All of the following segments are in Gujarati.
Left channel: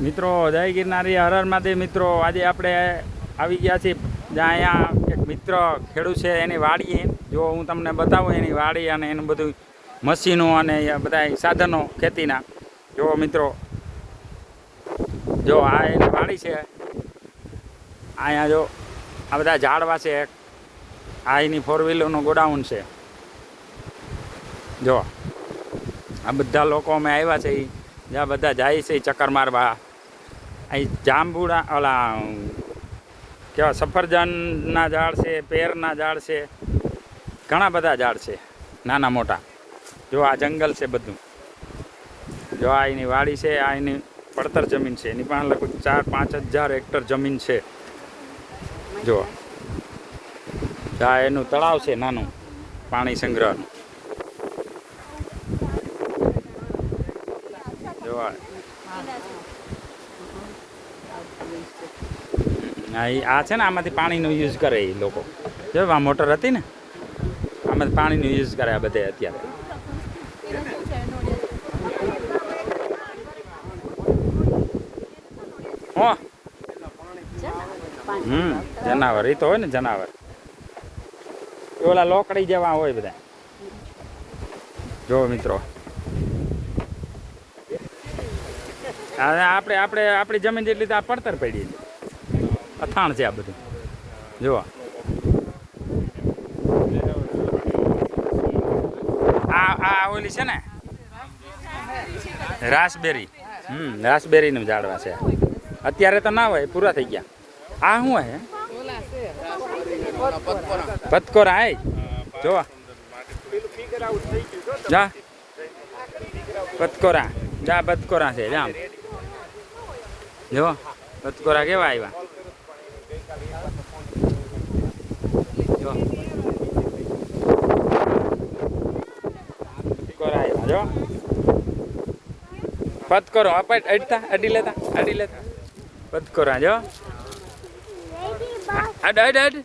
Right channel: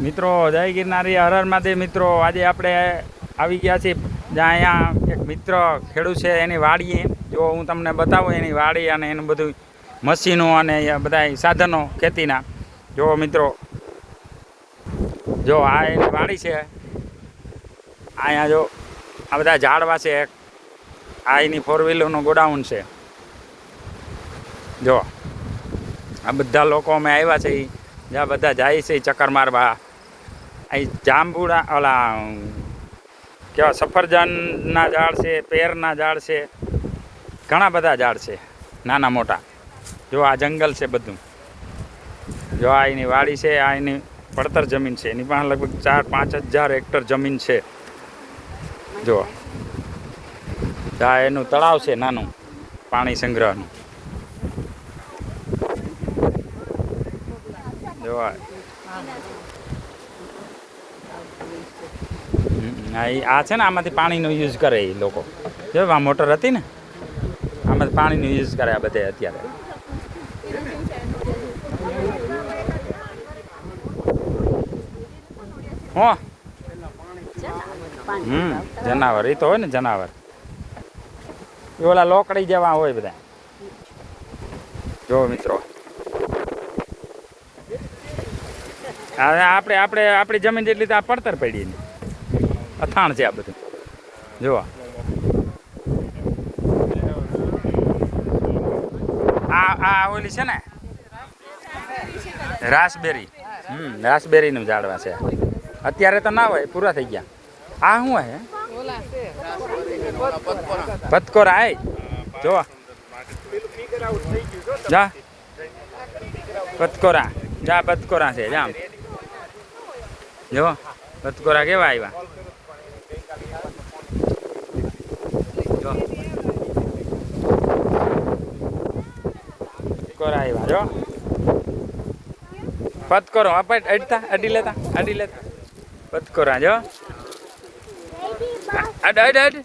મિત્રો, જય ગિરનારી હર હર મહાદેવ મિત્રો, આજે આપણે આવી ગયા છીએ જ્યાં અહીંયા એક મિત્ર ખેડૂત છે, એની વાડીએ. જો હું તમને બતાવું એની વાડી અને એનું બધું મશીનો અને બધા સાધનો ખેતીના. જો મિત્રો, જો આ એની વાડી છે, અહીંયા જો આ બધા ઝાડવા છે આ એની ફોર વ્હીલરનું ગોડાઉન છે. જો આ બધા લોકો અમે આવ્યા છે એ જ્યાં બધા જાય છે ચક્કર મારવા. અહીં જાંબુડા, ઓલા, કેવા સફરજનના ઝાડ છે, પેરના ઝાડ છે, ઘણા બધા ઝાડ છે, નાના મોટા. જો આ જંગલ છે બધું. જો આ એની વાડી છે, આ એની પડતર જમીન છે. એની પાસે લગભગ ચાર, પાંચ હજાર હેક્ટર જમીન છે. જો. આ એનું તળાવ છે નાનું, પાણી સંગ્રહનું. જો આ છે ને, આમાંથી પાણીનો યુઝ કરે એ લોકો. જો આ મોટર હતી ને? આમાંથી પાણીનો યુઝ કરે આ બધે અત્યારે. હો. હમ, જનાવર. એ તો હોય ને જનાવર. એ ઓલા લોકડી જેવા હોય બધા. જો મિત્રો. હવે આપણે આપણે, આપણી જમીન જેટલી આ પડતર પડી અથાણ છે આ બધું. જુઓ. આ આ ઓલી છે ને? રાસબેરી. હમ, રાસબેરીનું ઝાડવા છે. અત્યારે તો ના હોય, પૂરા થઈ ગયા. આ શું હે? પતકોર, આય. જોવા જા. પતકોરા. જા, પતકોરા છે, જામ. જો, બતકોરા કેવા આવ્યા જો. બતકોરા આવ્યા જો. પતકોરો અપટ અડતા, અડી લેતા અડી લેતા. પતકોરા જો. અડ અડ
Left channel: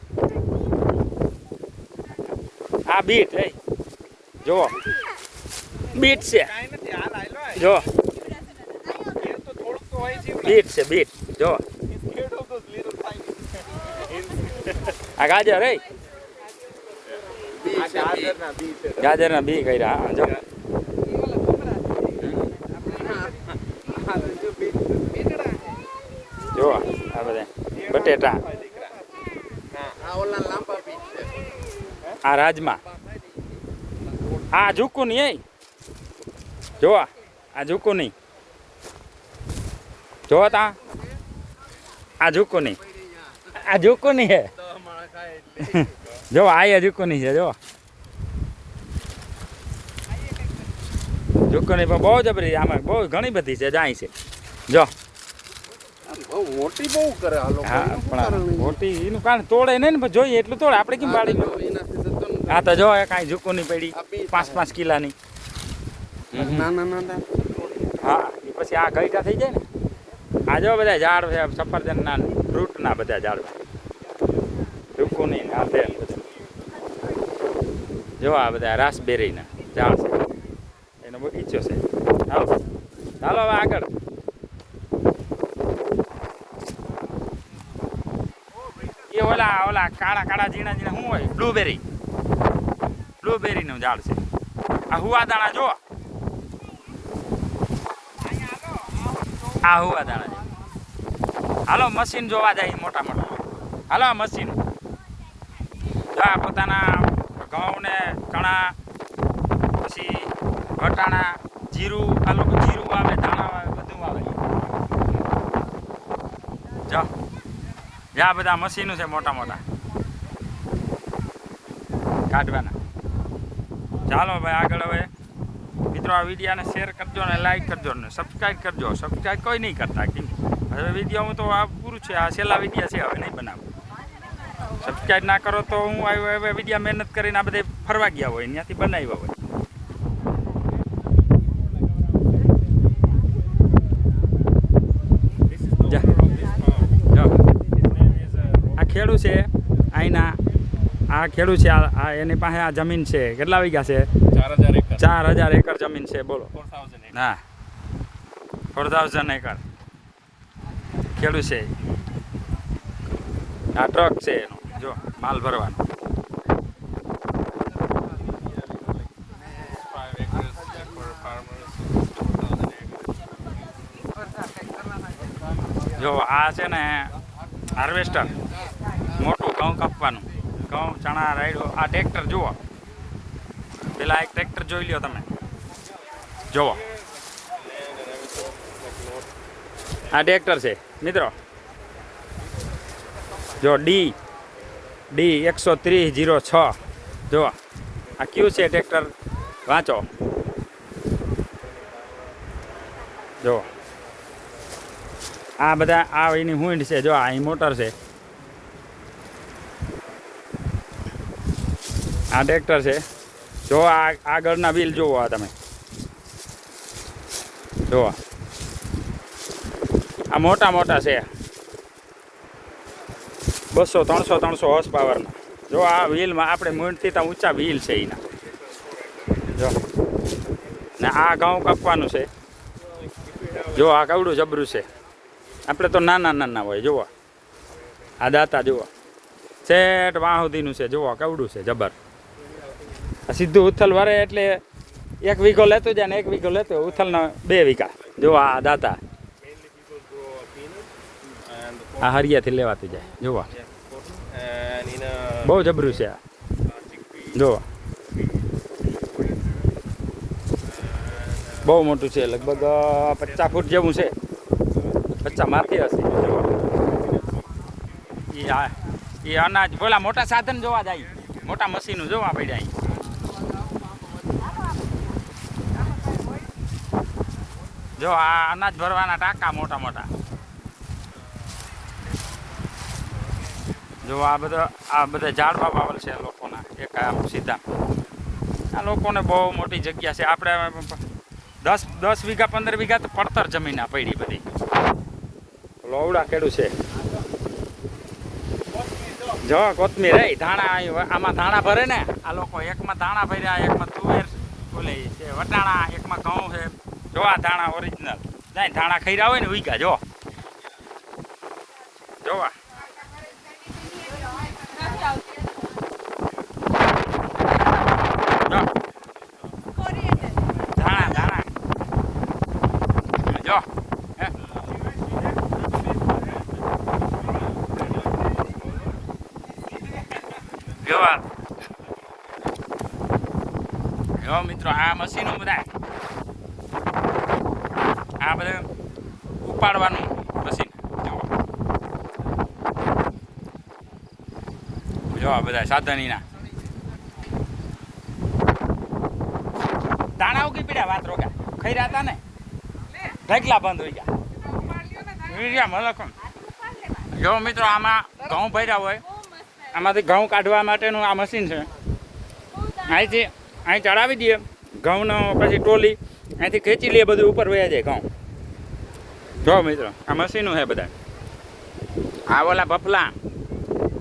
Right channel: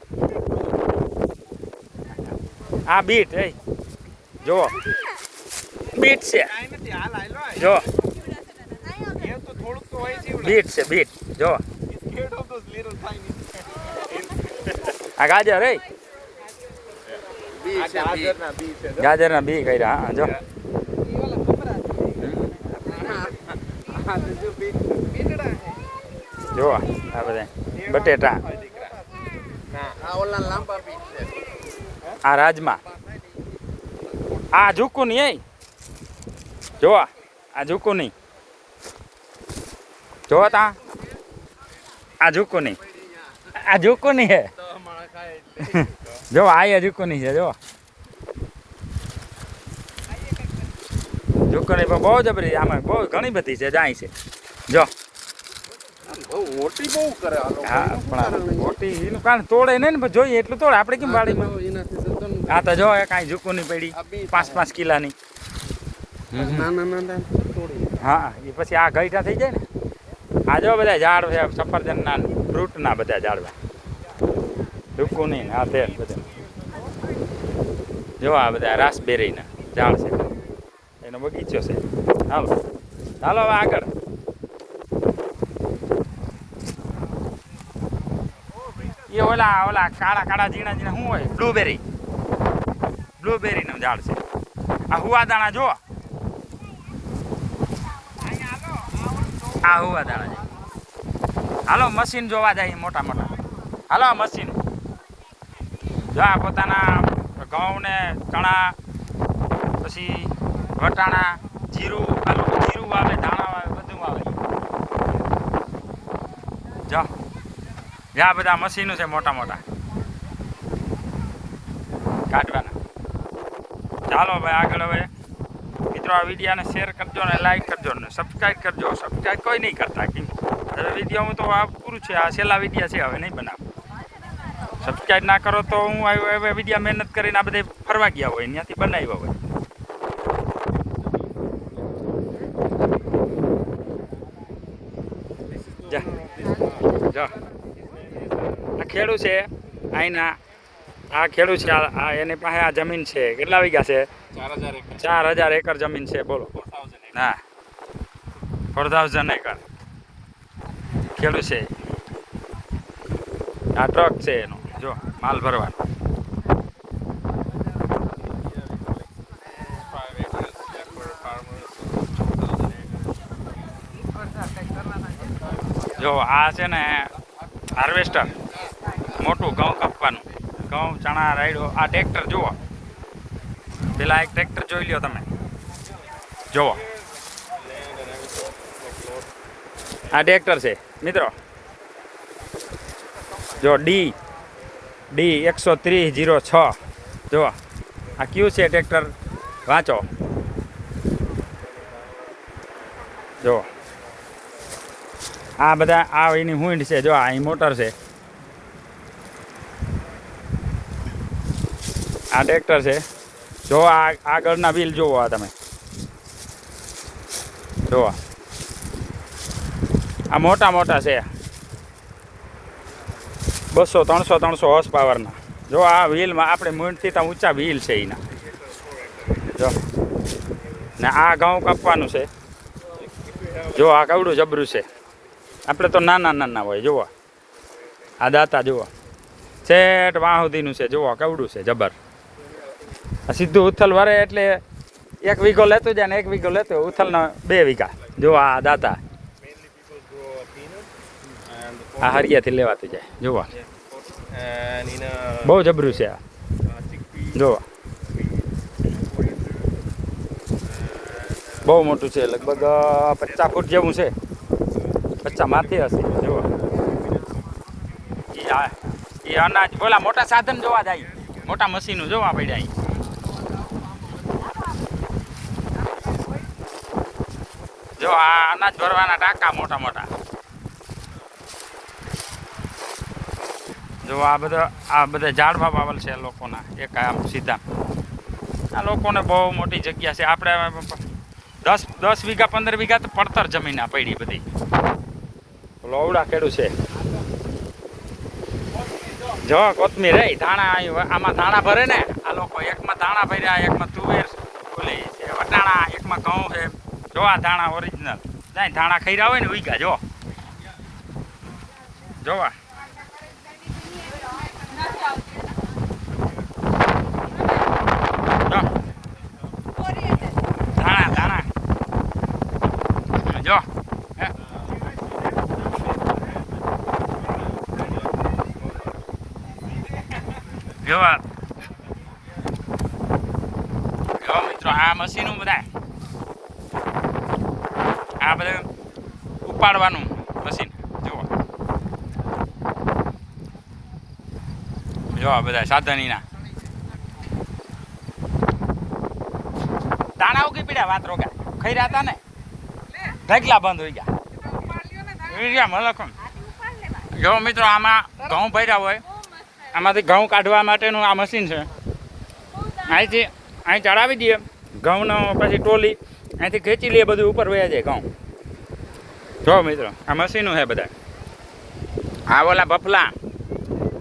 આ બીટ એ જો બીટ છે. જો. બીટ છે બીટ. જો. આ ગાજર રે ગાજરના બી કર્યા હા જો. જો આ બધા બટેટા. આ રાજમા. આ ઝૂકું નહીં એ. જો આ. ઝૂકું નહીં જો તા. આ ઝૂકું નહીં. આ ઝૂકું નહીં હે? જો આ એ ઝૂકું નહીં છે જો. ઝૂકું નહીં પણ બહુ જબરી આમાં બહુ ઘણી બધી છે જાય છે. જો. બહુ મોટી બહુ કરે હા પણ મોટી એનું કારણ તોડે નહીં ને પણ જોઈએ એટલું તોડે. આપણે કેમ વાડીમાં હા તો જો કાંઈ ઝૂકું નહીં પડી. પાંચ પાંચ કિલાની. હા એ પછી આ ગઈટા થઈ જાય ને. આ જો બધા ઝાડ છે, સફરજનના ફ્રૂટના બધા ઝાડવા. ઝૂકું નહીં આ તે બધા. જો આ બધા રાસબેરીના ઝાડ છે. એનો બગીચો છે. હાલો. ચાલો હવે આગળ. એ ઓલા ઓલા કાળા કાળા ઝીણા ઝીણા શું હોય? બ્લુબેરી બ્લુબેરીનું ઝાડ છે. આ હુવાદાણા જો આ હુવાદાણા. છે હાલો મશીન જોવા જાય મોટા મોટા હાલો મશીન જો પોતાના ઘઉં ને ચણા, પછી વટાણા, જીરું આ લોકો જીરું વાવે ધાણા વાવે બધું વાવે જો જ્યાં બધા મશીનો છે મોટા મોટા. કાઢવાના. ચાલો ભાઈ, આગળ હવે મિત્રો આ વિડીયાને શેર કરજો ને લાઈક કરજો ને સબસ્ક્રાઈબ કરજો. સબસ્ક્રાઈબ કોઈ નહીં કરતા, કેમ? હવે વિડીયોમાં તો આ પૂરું છે. આ છેલ્લા વિડીયા છે. હવે નહીં બનાવું. સબસ્ક્રાઈબ ના કરો તો હું હવે વિડીયા મહેનત કરીને આ બધે ફરવા ગયા હોય. ત્યાંથી બનાવ્યા હોય. આ ખેડૂ છે. અહીંના આ ખેડૂ છે. આ એની પાસે આ જમીન છે. કેટલા વીઘા છે? ચાર હજાર એકર. જમીન છે. બોલો. હા. Four thousand acre. ખેડૂત છે. આ ટ્રક છે એનો. જો માલ ભરવાનો. Five acres for farmers, 2,000 acres. જો આ છે ને હાર્વેસ્ટર મોટું ઘઉં કાપવાનું. ઘઉં ચણા રાયડો આ ટ્રેક્ટર જુઓ. પેલા એક ટ્રેક્ટર જોઈ લ્યો તમે. જુઓ. આ ટ્રેક્ટર છે. મિત્રો. જો ડી ડી એકસો ત્રીસ જીરો છ. જુઓ. આ કયું છે ટ્રેક્ટર? વાંચો. જુઓ. આ બધા, આ એની હુંડ છે. જો આ મોટર છે. આ ટ્રેક્ટર છે. જો આ આગળના બિલ જુઓ આ તમે. જુઓ. આ મોટા મોટા છે. બસો, ત્રણસો ત્રણસો હોર્સ પાવરના જો આ વ્હીલમાં આપણે મૂંઢથી ત્યાં ઊંચા વ્હીલ છે એના. જો. ને આ ઘઉં કાપવાનું છે. જો આ કવડું જબરું છે. આપણે તો નાના નાના હોય, જુઓ. આ દાતા જુઓ. છેટ વાહ સુધીનું છે, જુઓ, કવડું છે, જબર. આ સીધું ઉથલ વરે એટલે એક વીઘો લેતું જાય ને એક વીઘો લેતું ઉથલના બે વીઘા. જુઓ આ દાતા. આ હરિયાથી લેવાતી જાય. a બહુ જબરું છે આ. જુઓ બહુ મોટું છે, લગભગ પચાસ ફૂટ જેવું છે. પચાસ માથે હશે. ઈ એ અનાજ પેલા મોટા સાધન જોવા જાય. મોટા મશીનો જોવા પડ્યા. જો આ અનાજ ભરવાના ટાંકા મોટા મોટા. જો આ બધા આ બધા ઝાડવા વાવલ છે લોકોના એક આમ સીધા. આ લોકોને બહુ મોટી જગ્યા છે. આપણે દસ દસ વીઘા પંદર વીઘા તો પડતર જમીન આ પડી બધી. લોવડા ખેડું છે. જો કોથમીર. રે ધાણા આમાં ધાણા ભરે ને આ લોકો એકમાં ધાણા ભર્યા એકમાં તુવેર ઓલી છે વટાણા એકમાં ઘઉં છે. જો આ ધાણા ઓરિજિનલ જાય ધાણા ખૈરા હોય ને ઉઈગા જો. જોવા જો ધાણા ધાણા જો હે. જો આ. મશીનો બધા. આ બધા ઉપાડવાનું મશીન. જુઓ. જો બધા સાધનીના. દાણા ઉગી વાત રોગા. ખાઈ હતા ને? ઢગલા બંધ હોઈ ગયા. હોઈ ગયા મલકમ જો મિત્રો, આમાં ઘઉં ભર્યા હોય. આમાંથી ઘઉં કાઢવા માટેનું આ મશીન છે. અહીંથી અહીં ચડાવી દઈએ. ઘઉંનો પછી ટોલી અહીંથી ખેંચી લઈએ, બધું ઉપર વયા જાય ઘઉં. જો મિત્રો, આ મશીનો છે બધા. આ ઓલા બફલા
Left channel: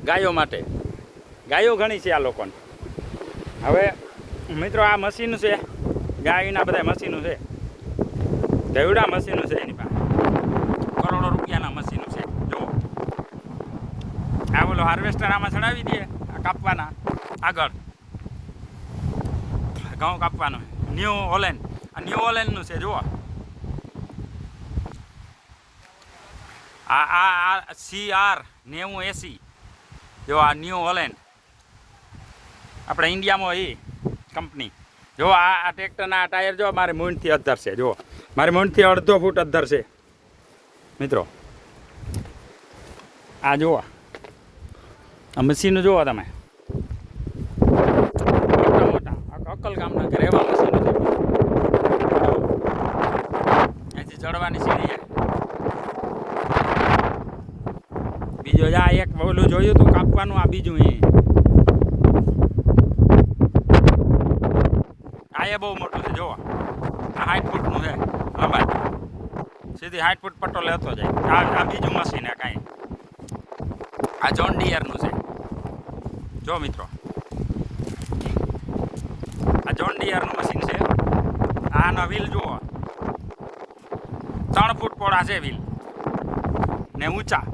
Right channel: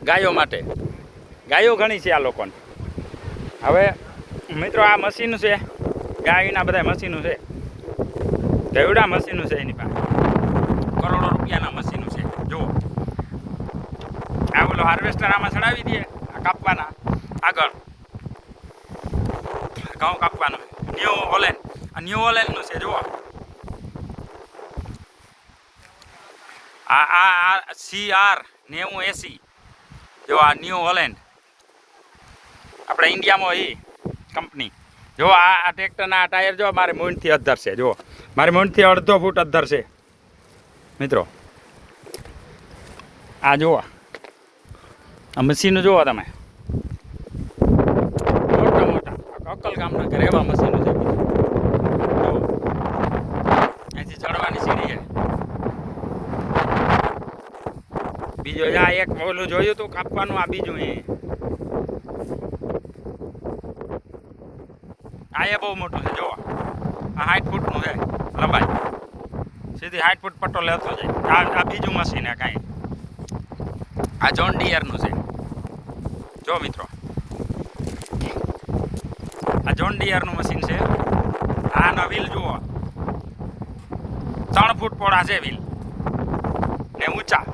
ગાયો માટે. ગાયો ઘણી છે આ લોકોને. હવે મિત્રો, આ મશીન છે. ગાયના બધા મશીનો છે. ગયડા મશીનો છે એની પાસે. રૂપિયાના મશીનો છે. જુઓ. આ બોલો હાર્વેસ્ટર આમાં ચડાવી દઈએ કાપવાના. આગળ. ઘઉં કાપવાનું ન્યૂ ઓલેન. આ ન્યૂ ઓલેનનું છે, જુઓ. આ આ આ સી આર નેવું એસી. જો આ ન્યૂ હોલેન્ડ આપણે ઇન્ડિયામાં એ કંપની. જો આ આ ટ્રેક્ટરના ટાયર જો મારે મૂંઢથી અધ્ધર છે જો મારે મૂંઢથી અડધો ફૂટ અધ્ધર છે. મિત્રો આ જુઓ આ મશીનો જુઓ તમે. મોટા મોટા. અકલ ગામના ઘરે એવા મશીનો છે. અહીંથી ચડવાની સીડી છે. બીજો આ એક ઓલું જોયું તું કાપવાનું, આ બીજું એ. આ એ બહુ મોટું છે, જોવા. આ હાઈટ ફૂટનું છે, લંબાઈ. સીધી હાઈટ ફૂટ પટ્ટો લેતો જાય. આ બીજું મશીન છે કાંઈ. આ જોન ડિયરનું છે. જો મિત્રો. આ જોન ડિયરનું મશીન છે. આનો વ્હીલ જુઓ. ત્રણ ફૂટ પોળા છે વ્હીલ ને ઊંચા.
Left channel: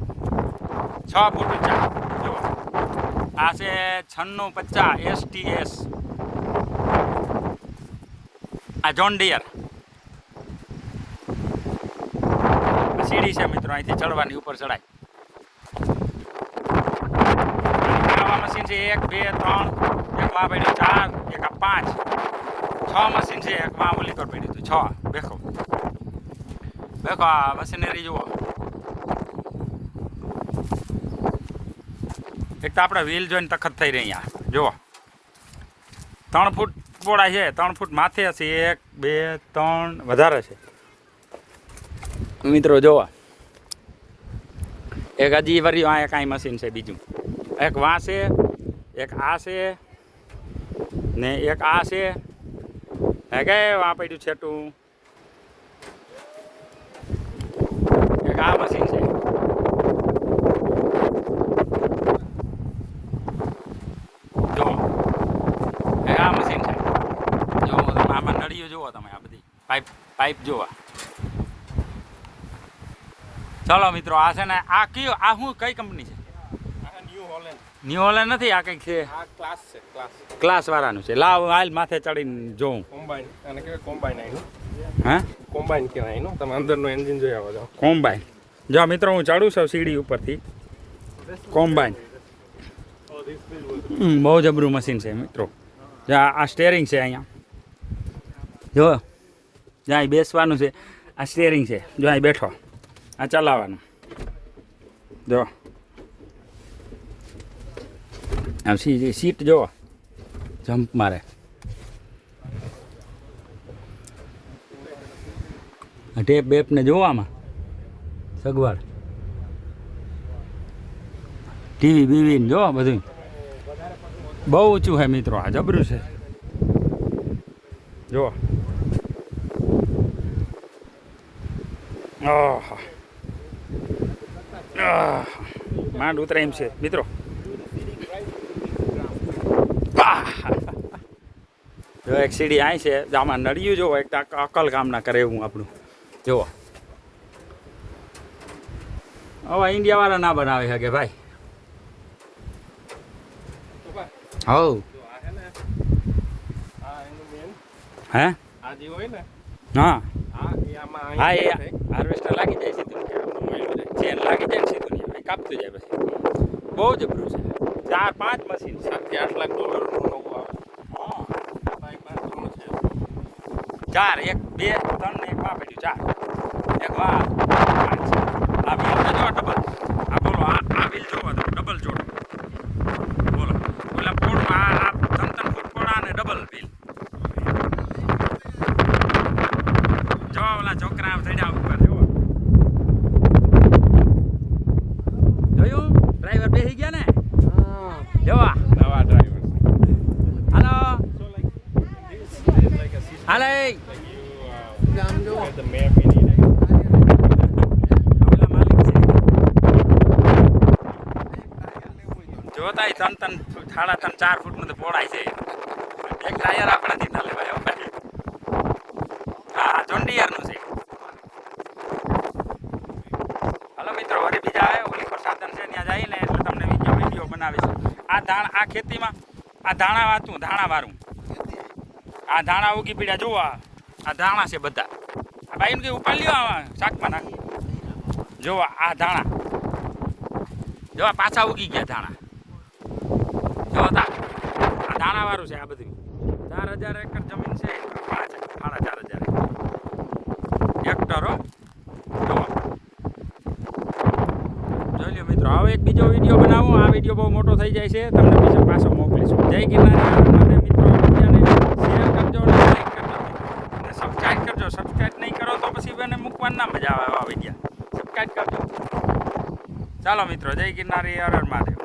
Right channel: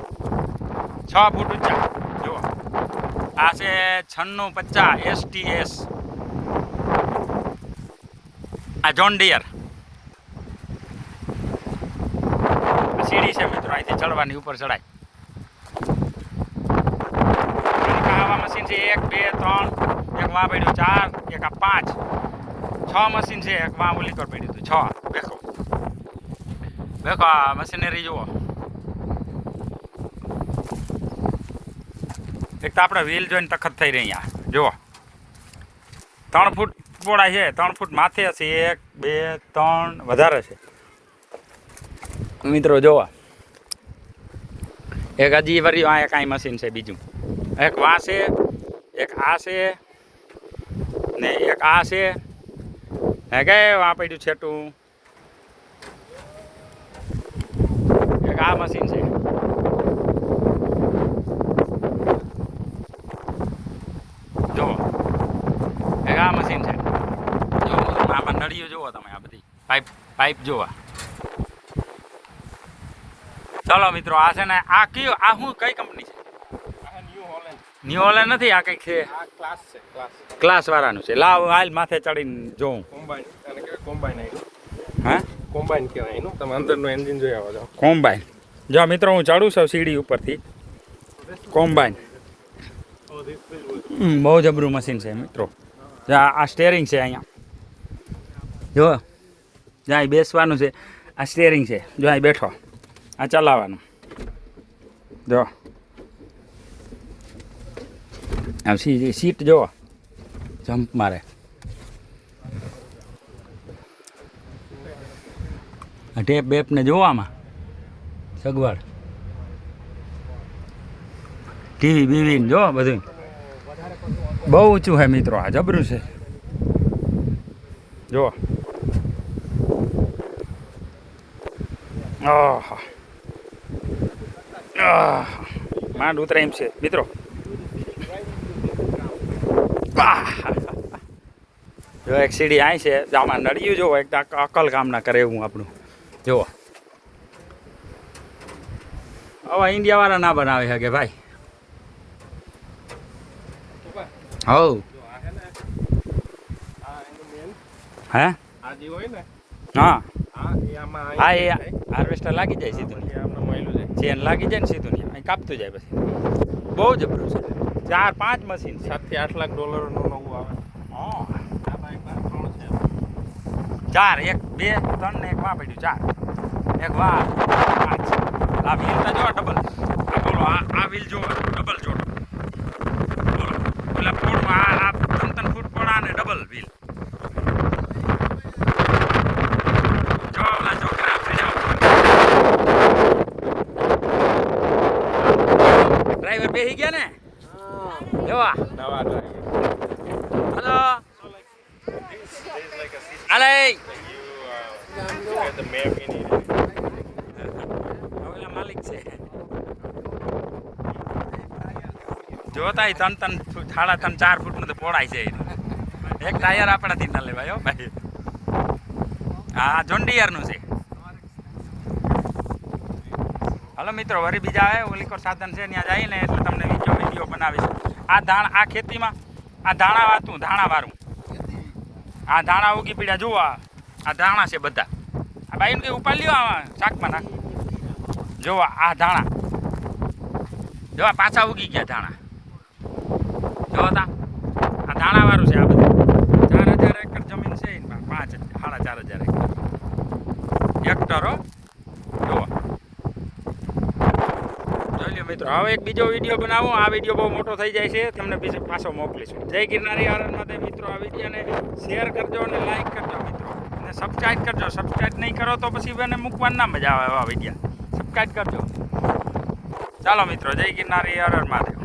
છ ફૂટ ઊંચા. જુઓ. આ છે છન્નું પચાસ એસટીએસ આ જોન ડિયર સીડી છે મિત્રો, અહીંથી ચડવાની ઉપર ચડાય આની આવા છે એક, બે, ત્રણ, એક વાં પડી ચાર, એક આ પાંચ. છ મશીન છે, એક વાં ઓલી પર પડ્યું છ. દેખો દેખો આ મશીનરી જુઓ. એક તો આપણે વ્હીલ જોઈને તખત થઈ રહી અહીંયા. જુઓ. ત્રણ ફૂટ પોળા છે, ત્રણ ફૂટ માથે હશે એક, બે, ત્રણ, વધારે છે. મિત્રો જોવા એક હજી વરી આ કાંઈ મશીન છે બીજું. એક વાંસ છે એક આ છે ને એક આ છે. હે કે વા પડ્યું છેટું? એક આ મશીન છે. જો. એક આ મશીન છે. જો આમાં નળીઓ જુઓ તમે આ બધી. પાઇપ પાઇપ જોવા. ચલો મિત્રો, આ છે ને આ કયું, આ શું કઈ કંપની છે? આ હોલેન્ડ ન્યુ નથી આ કંઈક છે? ક્લાસ વાળાનું છે. લાવ હાલ માથે ચડીને જોઉં. કોમ્બાઈન કોમ્બાઈન હા? કોમ્બાઈન કહેવાય એનું. તમે અંદરનું એન્જિન જોઈ આવો જાઓ કોમ્બાઈન જો મિત્રો હું ચડું છું સીડી ઉપરથી. કોમ્બાઈન બહુ જબરું મશીન છે મિત્રો. આ આ સ્ટેરિંગ છે અહીંયા. જો જ્યાં બેસવાનું છે. આ સ્ટેરિંગ છે. જો અહીં બેઠો. આ ચલાવવાનું. જો. આ સી સીટ જો જમ્પ મારે. આ ટેપ બેપને જોવામાં સગવડ. ટીવી, બીવી જો બધું બહુ ઊંચું છે મિત્રો, આ જબરું છે. જો. માંડ ઉતરાય એમ છે. મિત્રો. જો એક સીડી અહીં છે. આમાં નડિયું જોવો એક અકલ કામ ના કરે એવું આપણું. જુઓ હવે ઇન્ડિયા વાળા ના બનાવે શકે ભાઈ. હવ. હે? હા. હા એ હાર્વેસ્ટર લાગી જાય સીધું. ચેન લાગી જાય ને સીધું. કાપતું જાય પછી. બહુ જબરું છે. ચાર પાંચ મશીન સાતથી આઠ લાખ ડોલરનું નવું આવે. ચાર એક બે ત્રણ ને એક વાં પડ્યું ચાર. એક વાં પાંચ આ વ્હીલ જો ડબલ આ બોલો આ આ વ્હીલ જોવો ડબલ જોડો. બોલો. પેલા પોળમાં આ આ ત્રણ ત્રણ ફૂટ પોળા અને ડબલ વ્હીલ જો ઓલા છોકરા પડ્યા ડ્રાઈવર બેસી ગયા ને જોવા નવા ડ્રાઈવર હાલો So like this, this is like a system હાલે like you uh, look at the map in it. ઓલા માલિક છે જોતાય ત્રણ ત્રણ સાડા ત્રણ, ચાર ફૂટનું પોળાય છે એક ટાયર આપણાથી ના લેવાય ભાઈ. હા જોન્ડિયરનું છે. હલો મિત્રો, વળી બીજા આવે, ઓલી પર સાધન છે, ત્યાં જઈને એટલે તમને વીડિયો વીડિયો બનાવીશ. આ ધાણ, આ ખેતીમાં, આ ધાણા વાતું, ધાણા વાળું આ ધાણા ઉગી પીડા જુઓ આ. ધાણા છે બધા. આ ભાઈ એમ કે ઉપાડ લ્યો આવા શાકમાં નાખ. જુઓ આ ધાણા. જો પાછા ઉગી ગયા ધાણા. જો આ દાણાવાળું છે આ બધું. ચાર હજાર એકર જમીન છે. પાંચ, સાડા ચાર હજાર એકર. હો. જો જોઈ લો મિત્રો, હવે એક બીજો વીડિયો બનાવો. આ વીડિયો બહુ મોટો થઈ જાય છે. તમને બીજો પાછો મોકલીશું. જય ગિરનારી આનંદ મિત્રો. આ વિડીયોને શેર કરજો અને લાઈક કરજો મિત્રો. અને સબસ્ક્રાઈબ કરજો. સબસ્ક્રાઈબ નહીં કરો તો પછી એને મૂકવાની ના મજા આવે આ વિડીયા. સબસ્ક્રાઈબ કરજો. ચાલો મિત્રો, જય ગિરનારી હર મહાદેવ.